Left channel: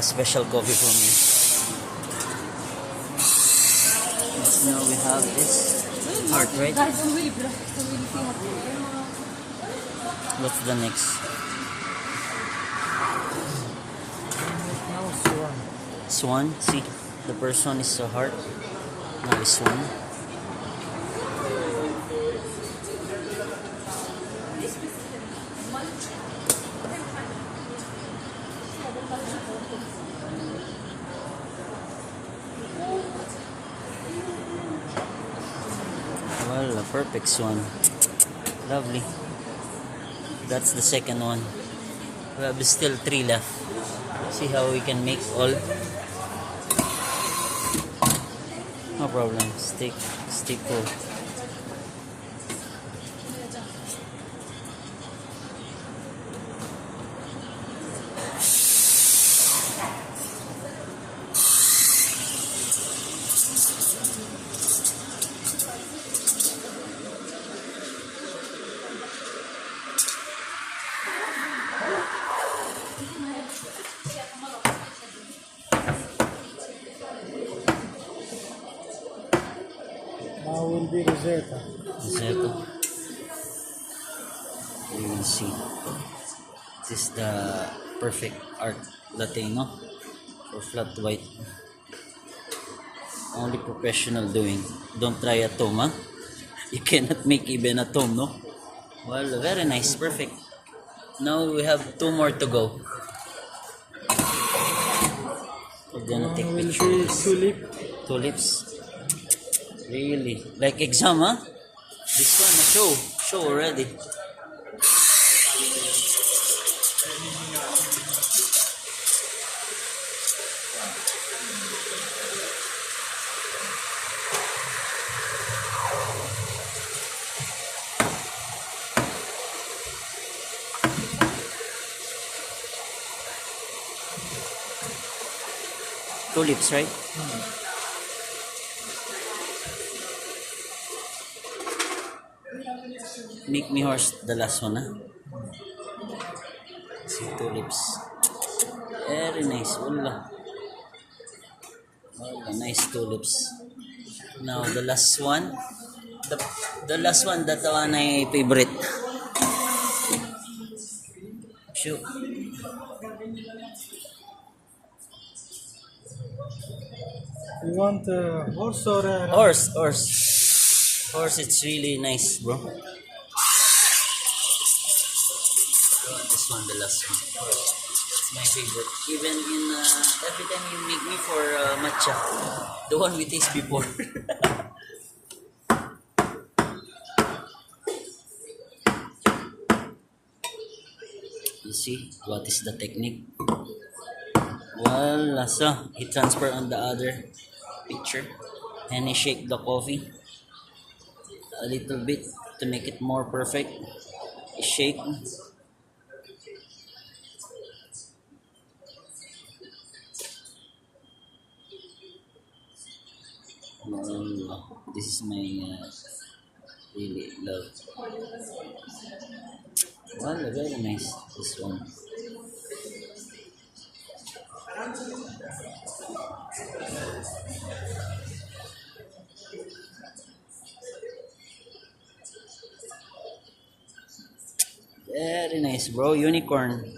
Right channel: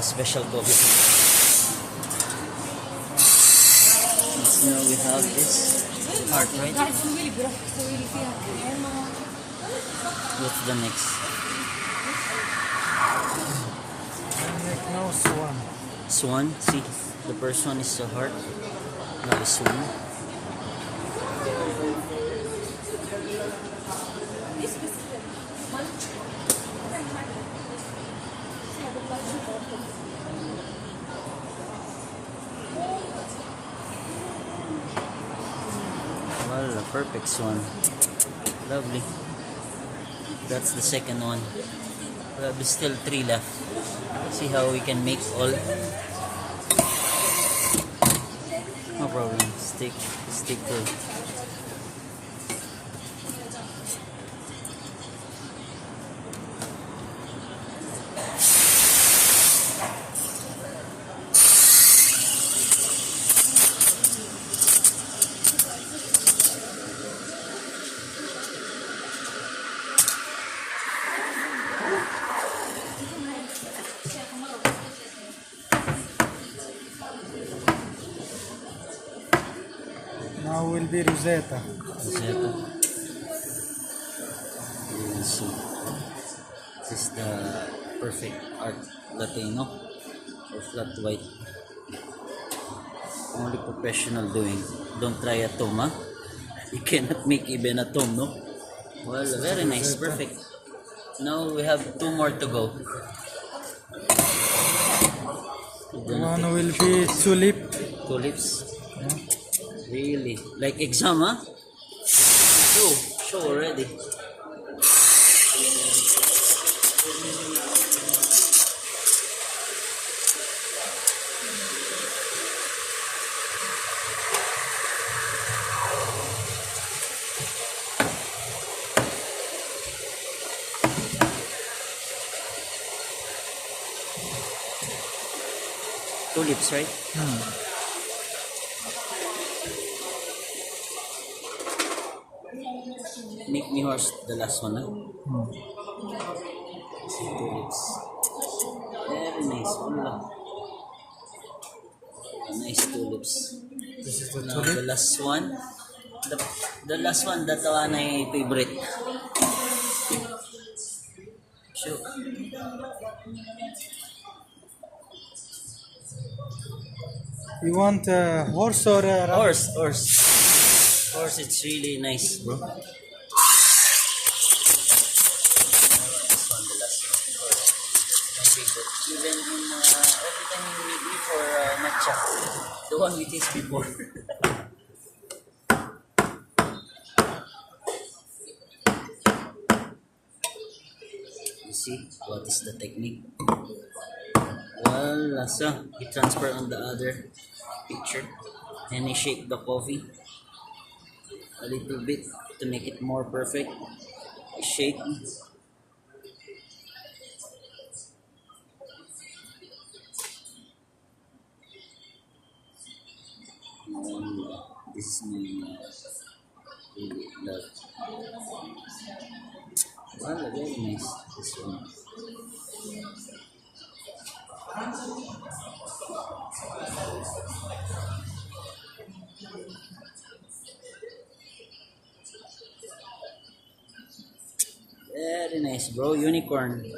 Special coffee for me. Now we have this heart, right? What's the next? Swan. See, the first one is a heart. Now the swan. Well, a perfect swan. Lovely. That's the second one. We have still 3 left. See how we can make all. No problem. Stay cool. Now will be Rosetta. Rosetta. You will see. This is the perfect art Latino for flat white. Only professional doing. Don't try a tome, huh? You cannot make even a tome, no? Well, very nice, perfect. Now we have 2 more to go. We're gonna take One will picture. be tulip. Tulips. Really? Like exam, huh? This one, show already. Tulips, right? Make me horse the last one, huh? See, tulips. Very nice. Wala. Nice tulips. Now the last one. The last one, that one ay favorite. Sure. You want a horse or a Horse. Horse, it's really nice, bro. This one, the last one. Horse. My favorite. Even in, every time you meet me for matcha, the one we taste before. You see what is the technique? Well, so he transfer on the other picture and he shake the coffee a little bit to make it more perfect. He shake. This is my really love. Well, very nice this one. Very nice, bro. Unicorn.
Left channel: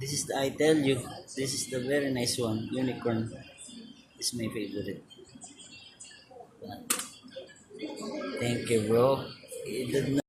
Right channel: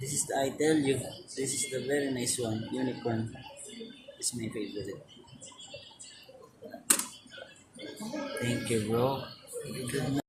This is I tell you, this is the very nice one. Unicorn is my favorite. Thank you, bro. You did not